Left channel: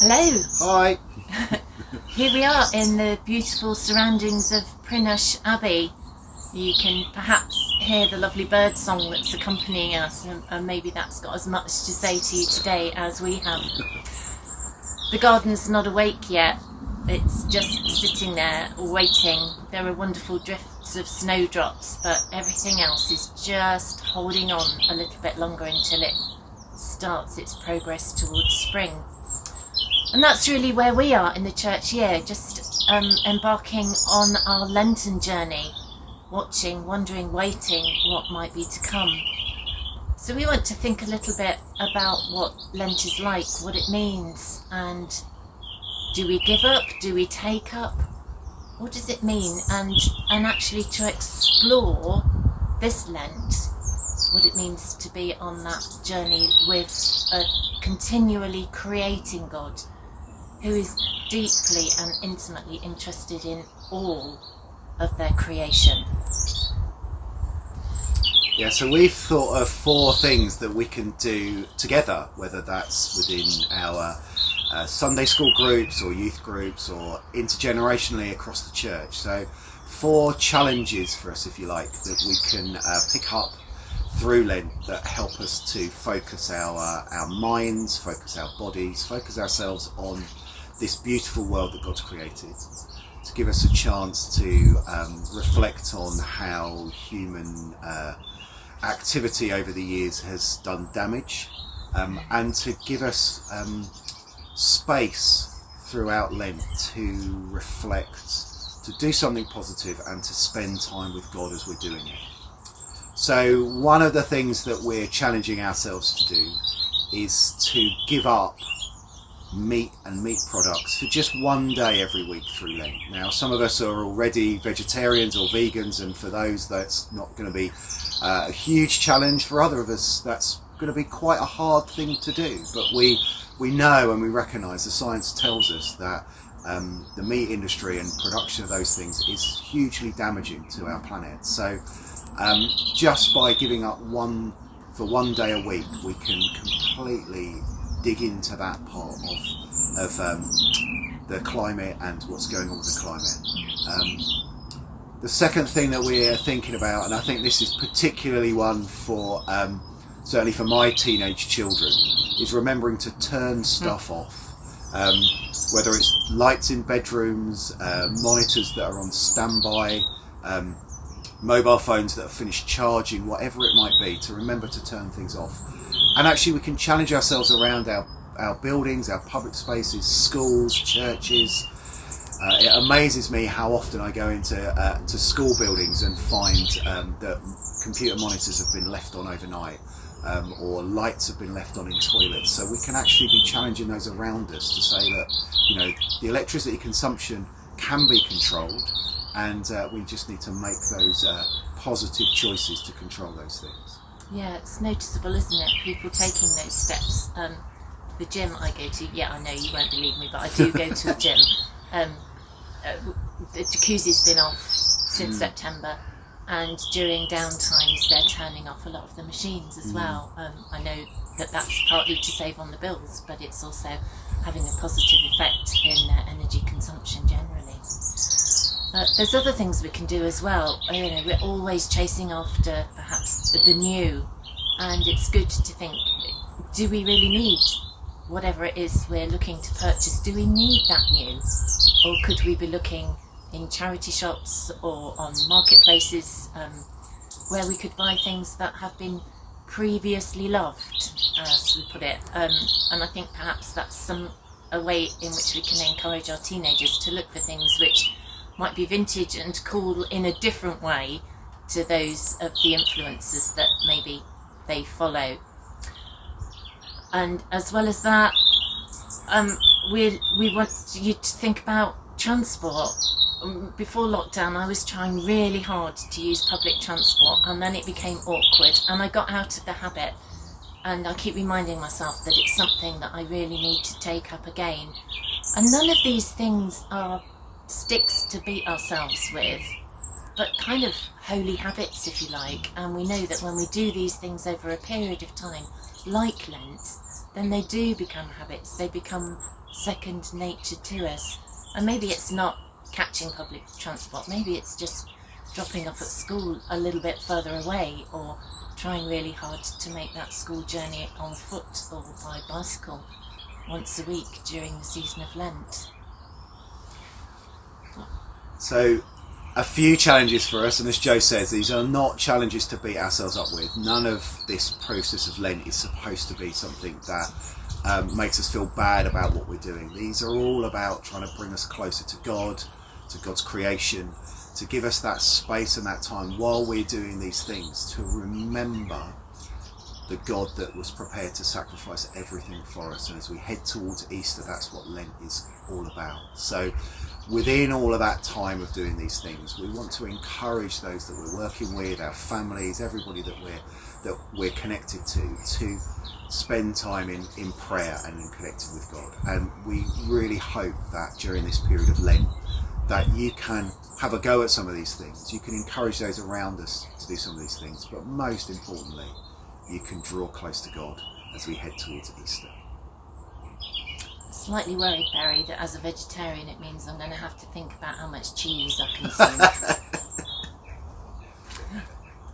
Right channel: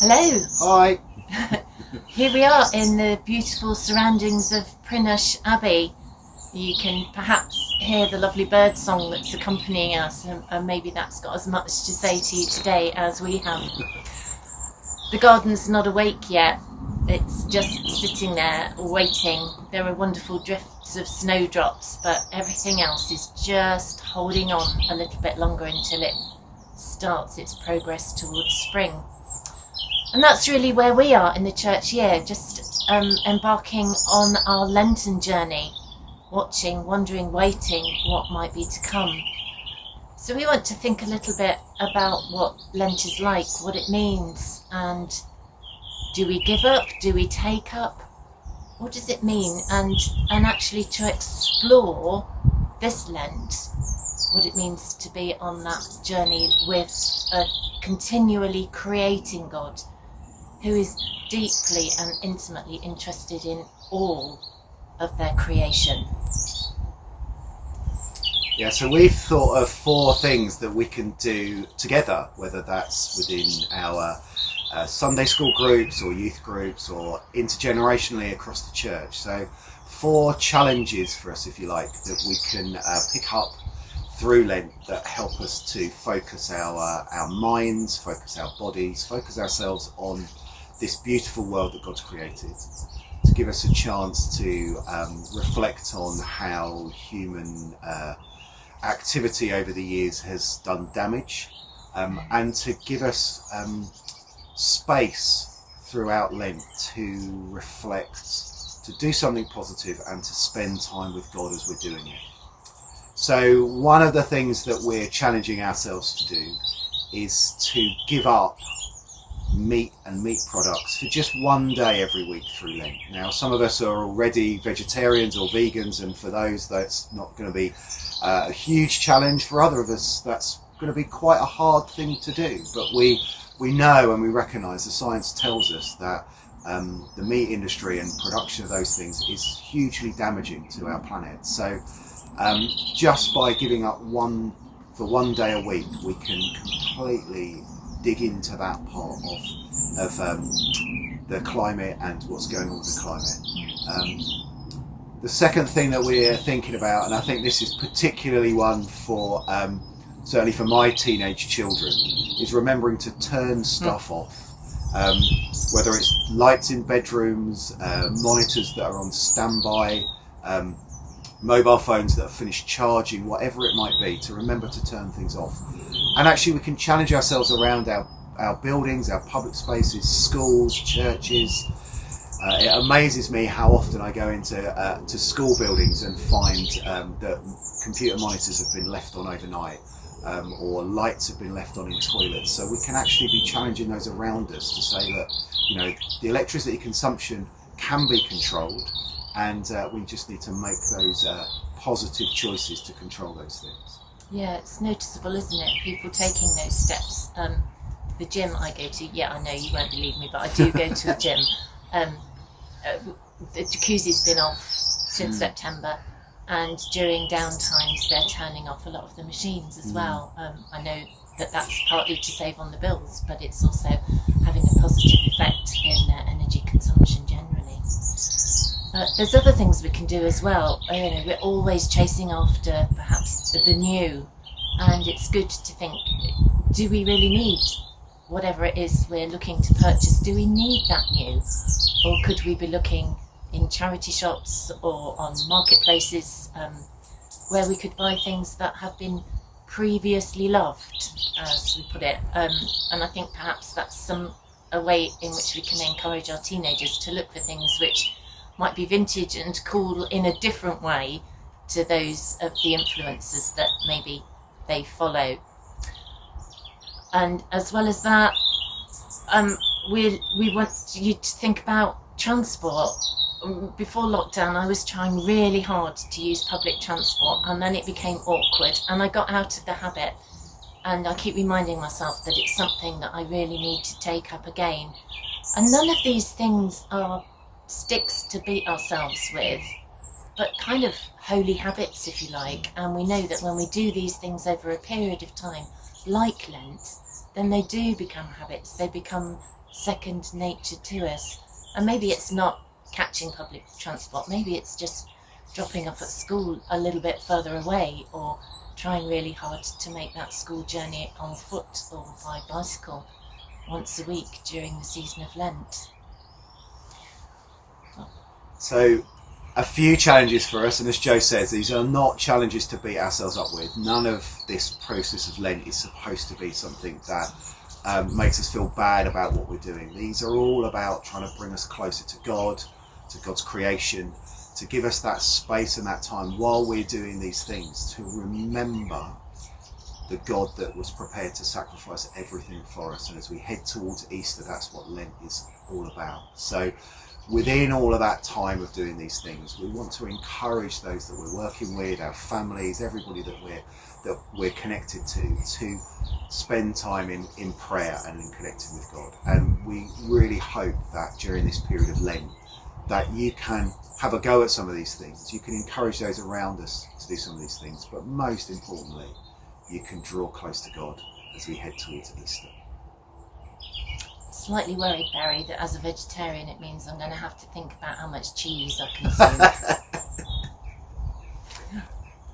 Hello. Hi. Here we are in the beautiful surroundings of Prinush Abbey. You can perhaps hear the lovely bird song that's accompanying us, and maybe that's got as much to say to you today as we have. The garden's not awake yet. It's just sitting there waiting. There are wonderful drifts of snowdrops, but everything else is just holding on a little bit longer until it starts its progress towards spring. And that's really where we are in the church year, just embarking on our Lenten journey, watching, wondering, waiting what might be to come. So we want to think a little bit about what Lent is like, what it means, and do we give up? Do we take up? What does it mean? And actually to explore this Lent, what it means to be on that journey with a continually creating God, who is deeply and intimately interested in all of their creation. Yeah, so we've thought of 4 things that we can do together, whether that's within our Sunday school groups or youth groups or intergenerationally across the church. So 4 challenges for us, if you like, that we can pick up through Lent that help us to focus our minds, focus our bodies, focus ourselves on this beautiful world that God's created, to give us a chance to reflect on how human activity over the years has done damage, and to give us space throughout Lent to reflect, to do something positive and to spend time with God as we're doing it. So one of the things that we're challenging ourselves to do is to give up meat and meat products for just one day every week through Lent. Now, some of us are already vegetarians or vegans, and for those that's not going to be a huge challenge. For other of us, that's going to be quite a hard thing to do, but we know and we recognise, the science tells us that the meat industry and production of those things is hugely damaging to our planet. So just by giving up for one day a week, we can completely dig into that part of the climate and what's going on with the climate. The second thing that we're thinking about, and I think this is particularly one for certainly for my teenage children, is remembering to turn stuff off. Whether it's lights in bedrooms, monitors that are on standby, mobile phones that have finished charging, whatever it might be, to remember to turn things off. And actually we can challenge ourselves around our buildings, our public spaces, schools, churches. It amazes me how often I go into to school buildings and find that computer monitors have been left on overnight, or lights have been left on in toilets. So we can actually be challenging those around us to say that, the electricity consumption can be controlled, and we just need to make those positive choices to control those things. Yeah, it's noticeable, isn't it? People taking those steps. The gym I go to, I know you won't believe me, but I do go to a gym. The jacuzzi's been off since September, and during downtimes they're turning off a lot of the machines as well. I know that that's partly to save on the bills, but it's also having a positive effect in energy consumption generally. There's other things we can do as well. We're always chasing after perhaps the new, and it's good to think, do we really need whatever it is we're looking to purchase? Do we need that new? Or could we be looking in charity shops or on marketplaces where we could buy things that have been previously loved, as we put it? And I think perhaps that's a way in which we can encourage our teenagers to look for things which might be vintage and cool in a different way to those of the influences that maybe they follow. And as well as that, we want you to think about transport. Before lockdown, I was trying really hard to use public transport, and then it became awkward, and I got out of the habit. And I keep reminding myself that it's something that I really need to take up again. And none of these things are sticks to beat ourselves with, but kind of holy habits, if you like. And we know that when we do these things over a period of time, like Lent, then they do become habits. They become second nature to us. And maybe it's not catching public transport, maybe it's just dropping off at school a little bit further away, or trying really hard to make that school journey on foot or by bicycle once a week during the season of Lent. So, a few challenges for us, and as Joe says, these are not challenges to beat ourselves up with. None of this process of Lent is supposed to be something that makes us feel bad about what we're doing. These are all about trying to bring us closer to God, to God's creation, to give us that space and that time while we're doing these things to remember the God that was prepared to sacrifice everything for us. And as we head towards Easter, that's what Lent is all about. So within all of that time of doing these things, we want to encourage those that we're working with, our families, everybody that we're connected to spend time in prayer and in connecting with God. And we really hope that during this period of Lent that you can have a go at some of these things. You can encourage those around us to do some of these things, but most importantly, you can draw close to God as we head towards Easter. Slightly worried, Barry, that as a vegetarian it means I'm going to have to think about how much cheese I consume.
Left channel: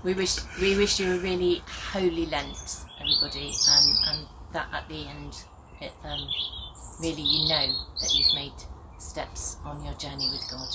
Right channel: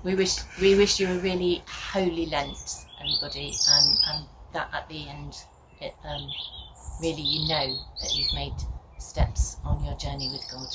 We wish you a really holy Lent, everybody, and that at the end, it really you know that you've made steps on your journey with God.